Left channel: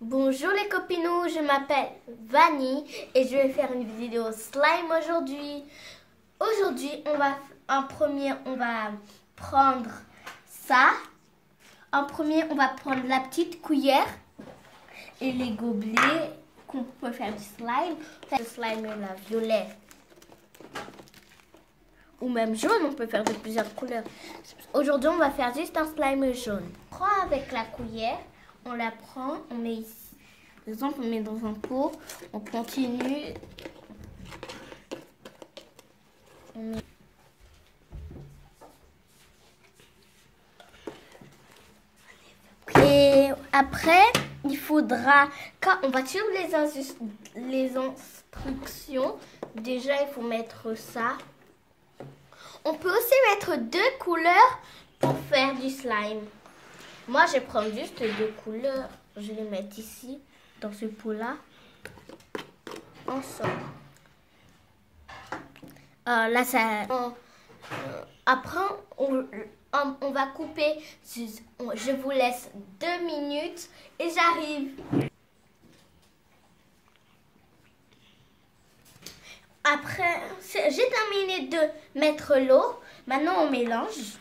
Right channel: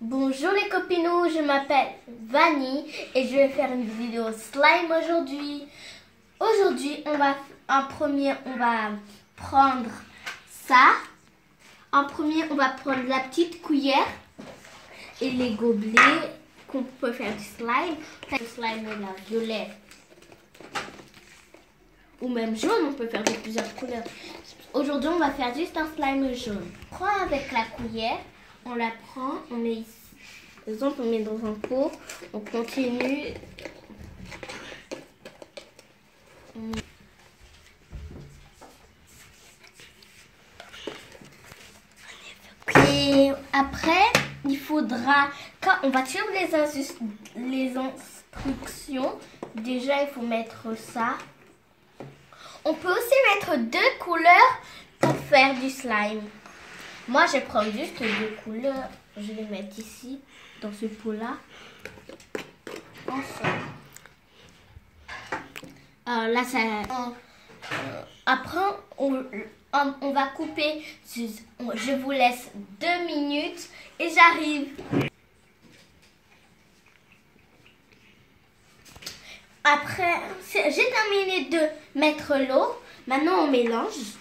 Bonjour les copinous, je m'appelle Vanny et je vais faire une vidéo slime aujourd'hui. Aujourd'hui, on va prendre ça. En premier, on va prendre la petite cuillère et les gobelets qu'on peut faire du slime. Le slime là, violet ou même jaune, on peut faire de plusieurs couleurs. Aujourd'hui, on va faire juste un slime jaune. On prend avec la cuillère, on la prend, on met ici. Par exemple, on met dans un pot, on continue. Et après, il faudra, quand on va suivre les instructions, déjà il faut mettre ça. On peut aussi mettre 2 couleurs pour faire du slime. Moi, je prends juste 2 couleurs. Je vais mettre ici, dans ce pot-là. Ensemble. Là, ça... après, on va couper. Je vous laisse 2 minutes et j'arrive. Après, j'ai terminé de mettre l'eau. Maintenant, on mélange.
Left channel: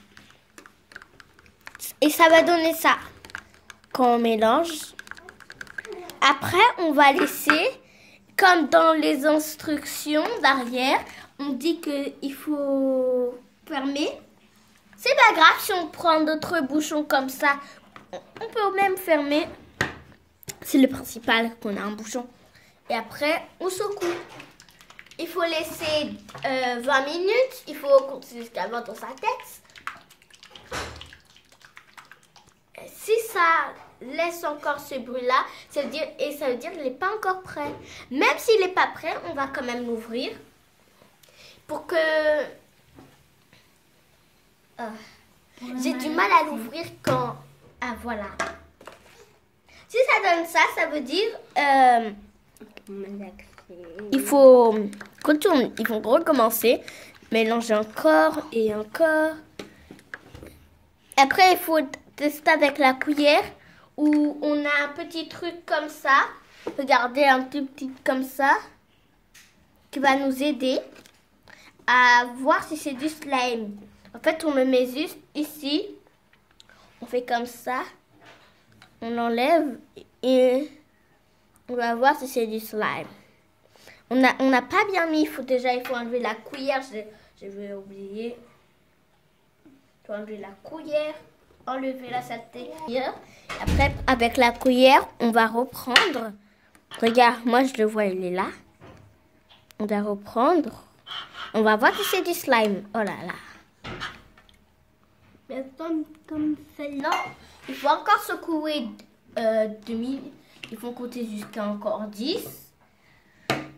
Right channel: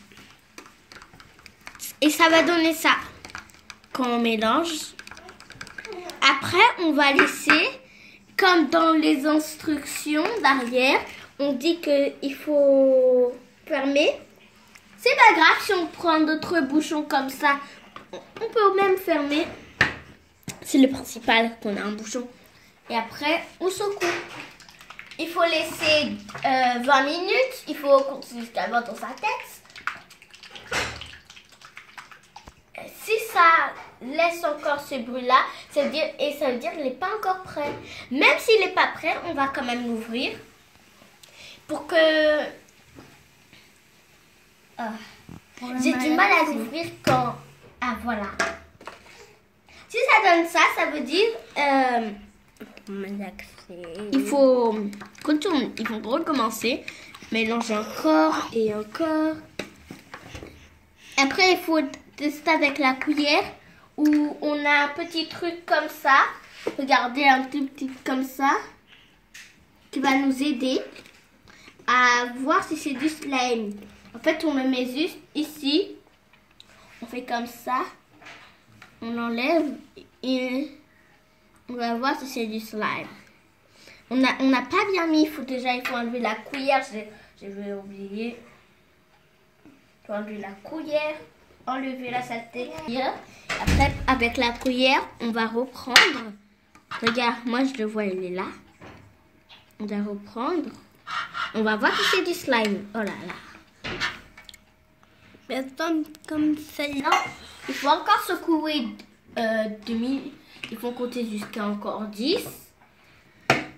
Et ça va donner ça. Quand on mélange. Après, on va laisser, comme dans les instructions derrière, on dit qu'il faut fermer. C'est pas grave si on prend d'autres bouchons comme ça. On peut même fermer. C'est le principal qu'on a un bouchon. Et après, on secoue. Il faut laisser 20 minutes. Il faut continuer jusqu'à 20 dans sa tête. Si ça laisse encore ce bruit-là, ça veut dire qu'il n'est pas encore prêt. Même s'il n'est pas prêt, on va quand même l'ouvrir. Pour que... j'ai du mal à l'ouvrir quand... Ah, voilà. Si ça donne ça, ça veut dire... il faut recommencer. Mélanger encore et encore. Après, il faut tester avec la cuillère où on a un petit truc comme ça. Regardez, un tout petit comme ça qui va nous aider à voir si c'est du slime. En fait, on le met juste ici. On fait comme ça. On enlève et on va voir si c'est du slime. On n'a pas bien mis. Il faut enlever la cuillère. Je vais oublier. Il faut enlever la cuillère. Enlever la saleté. Après, avec la cuillère, on va reprendre. Regarde, moi je le vois, il est là. On va reprendre. On va voir si c'est du slime. Oh là là. Personne comme ça. Non, il faut encore secouer 2 minutes. Il faut compter jusqu'à encore 10.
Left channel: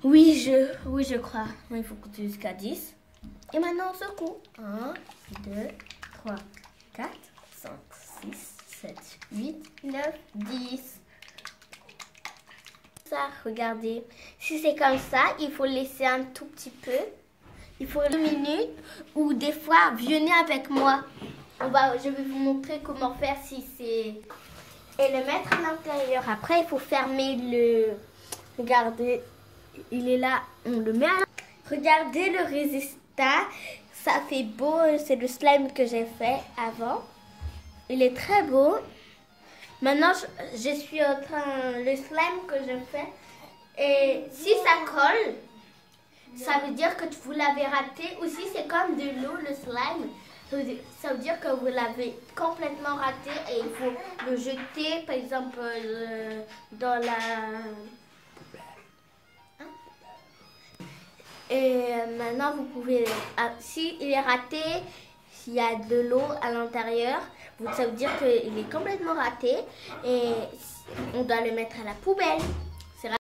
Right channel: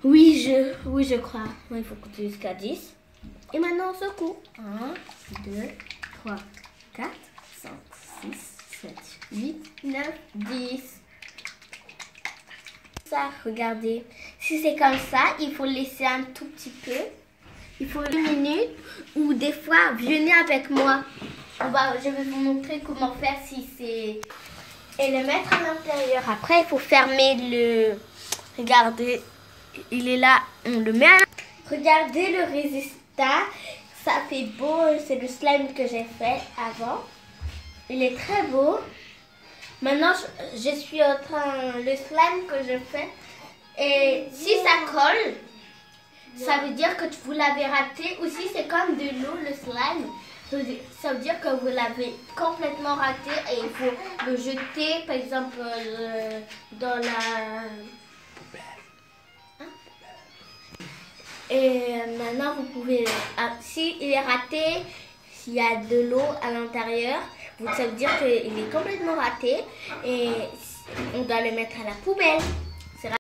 Oui, je crois. Oui, il faut compter jusqu'à 10. Et maintenant, on secoue. 1, 2, 3, 4, 5, 6, 7, 8, 9, 10. Ça, regardez. Si c'est comme ça, il faut laisser un tout petit peu. Il faut 1 minute. Ou des fois, venez avec moi. Je vais vous montrer comment faire si c'est... Et le mettre à l'intérieur. Après, il faut fermer le... Regardez, il est là. On le met à l'intérieur. Regardez le résultat. Ça fait beau. C'est le slime que j'ai fait avant. Il est très beau. Maintenant, je suis en train... Le slime que je fais. Et si ça colle, ça veut dire que vous l'avez raté. Ou si c'est comme de l'eau, le slime. Ça veut dire que vous l'avez complètement raté et il faut le jeter, par exemple, dans la... Et maintenant, vous pouvez... Si il est raté, s'il y a de l'eau à l'intérieur, ça veut dire qu'il est complètement raté et on doit le mettre à la poubelle.